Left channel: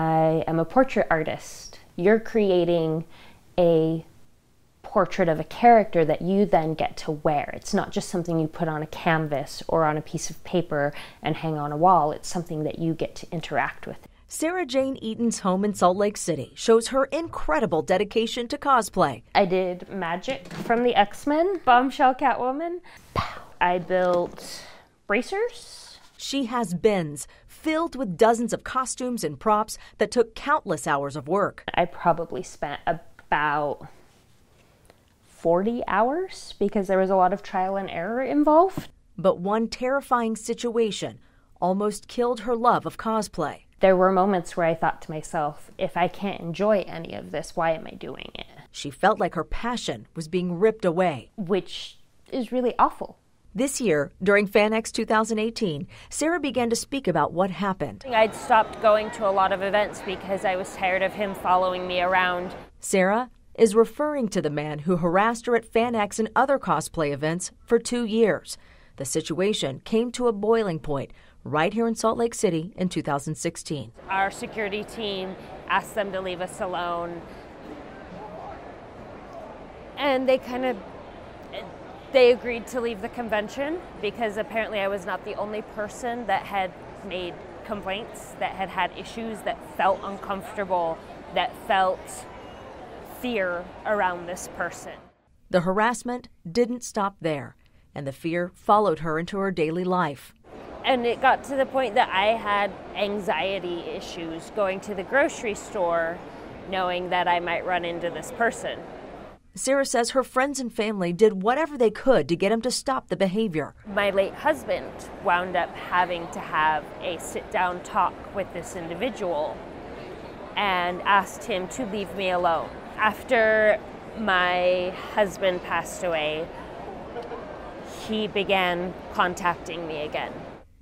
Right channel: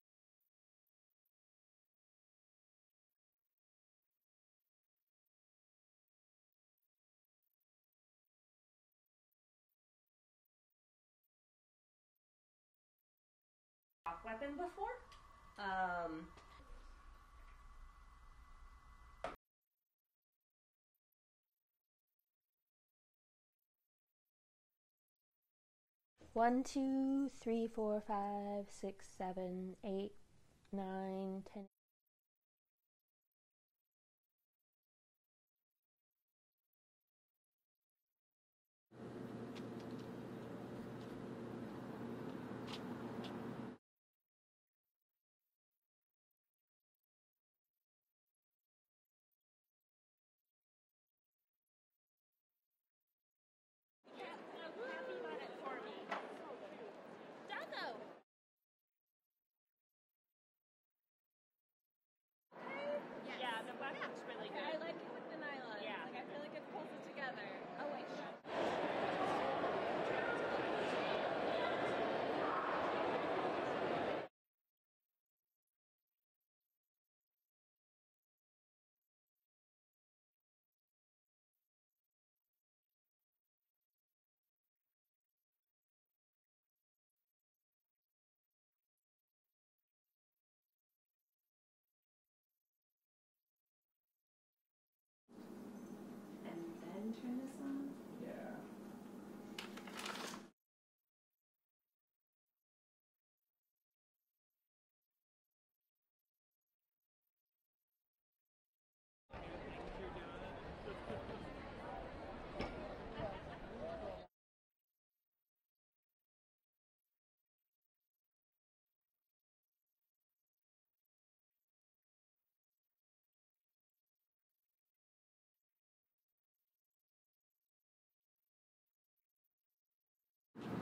I am a portrait artist. You're creating a portrait of a character that you then get to wear. It's not just something you put on a canvas or on a piece of paper and hang on a wall. It's something that you get to interact with. Sarah Jane Eaton's home in Salt Lake City shows her incredible dedication to cosplay. I did Magic from the X-Men, Bombshell Catwoman. I built bracers. She has bins filled with dozens of costumes and props that took countless hours of work. I probably spent about 40 hours because there was a lot of trial and error involved. But one terrifying situation almost killed her love of cosplay. There were moments where I thought to myself, if I can't enjoy any of this, why am I doing it? She felt like her passion was being ripped away. Which is really awful. This year, during FanX 2018, Sarah began to speak about what happened. I'd stopped going to a lot of events because I was tired of him following me around. Sarah is referring to the man who harassed her at FanX and other cosplay events for 2 years. The situation came to a boiling point right here in Salt Lake City in 2016. Our security team asked them to leave us alone. And they agreed to leave the convention because apparently I was not the only person that had made complaints, that had had issues, that felt uncomfortable, that felt fear around this person. The harassment didn't stop there, and the fear followed her into her daily life. And it got to the point that I had anxiety issues going to the grocery store knowing that I might run into this person. Sarah says her friends and family did whatever they could to get him to stop the behavior. My late husband wound up having to have a sit-down talk with this individual and asked him to leave me alone. After my husband passed away, he began contacting me again.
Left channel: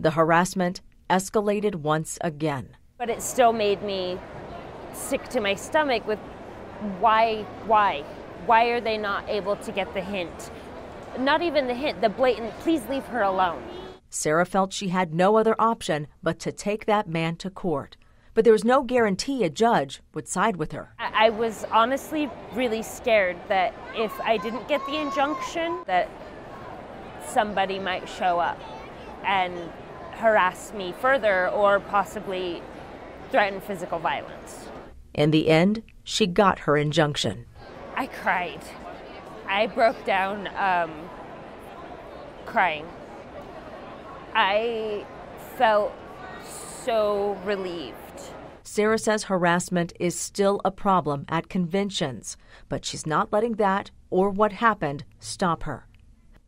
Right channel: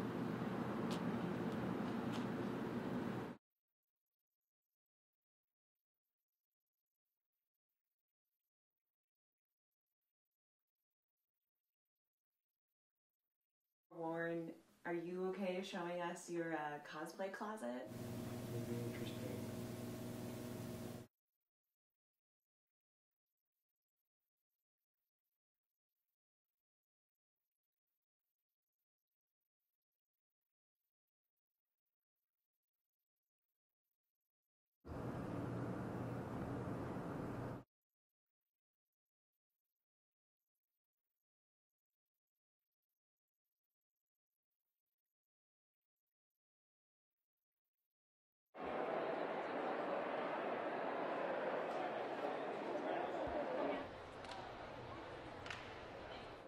The harassment escalated once again. But it still made me sick to my stomach with why? Why are they not able to get the hint? Not even the hint, the blatant, please leave her alone. Sarah felt she had no other option but to take that man to court. But there was no guarantee a judge would side with her. I was honestly really scared that if I didn't get the injunction, that somebody might show up and harass me further or possibly threaten physical violence. In the end, she got her injunction. I cried. I broke down crying. I felt so relieved. Sarah says harassment is still a problem at conventions, but she's not letting that or what happened stop her.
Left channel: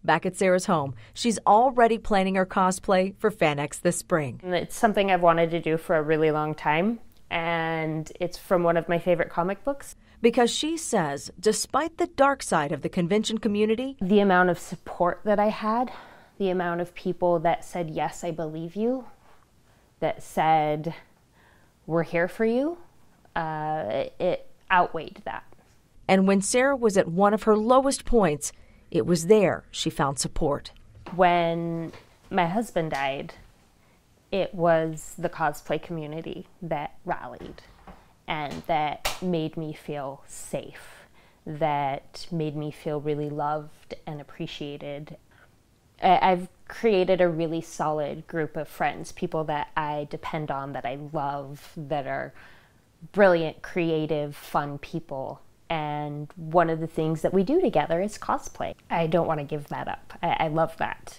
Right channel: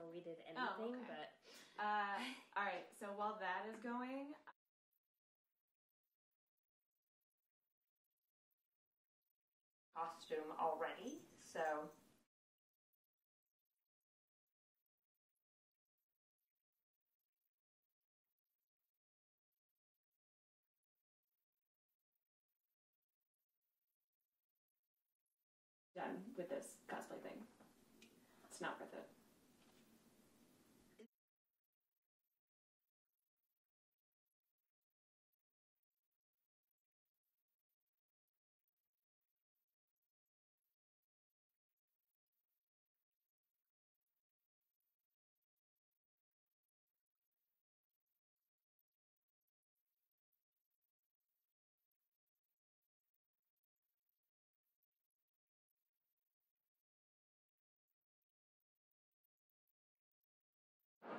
Back at Sarah's home, she's already planning her cosplay for FanX this spring. It's something I've wanted to do for a really long time, and it's from one of my favorite comic books. Because she says, despite the dark side of the convention community, the amount of support that I had, the amount of people that said, yes, I believe you, that said, we're here for you, it outweighed that. And when Sarah was at one of her lowest points, it was there she found support. When my husband died, it was the cosplay community that rallied and that made me feel safe, that made me feel really loved and appreciated. I've created a really solid group of friends, people that I depend on, that I love, that are brilliant, creative, fun people. And one of the things that we do together is cosplay. I don't want to give that up. I love that.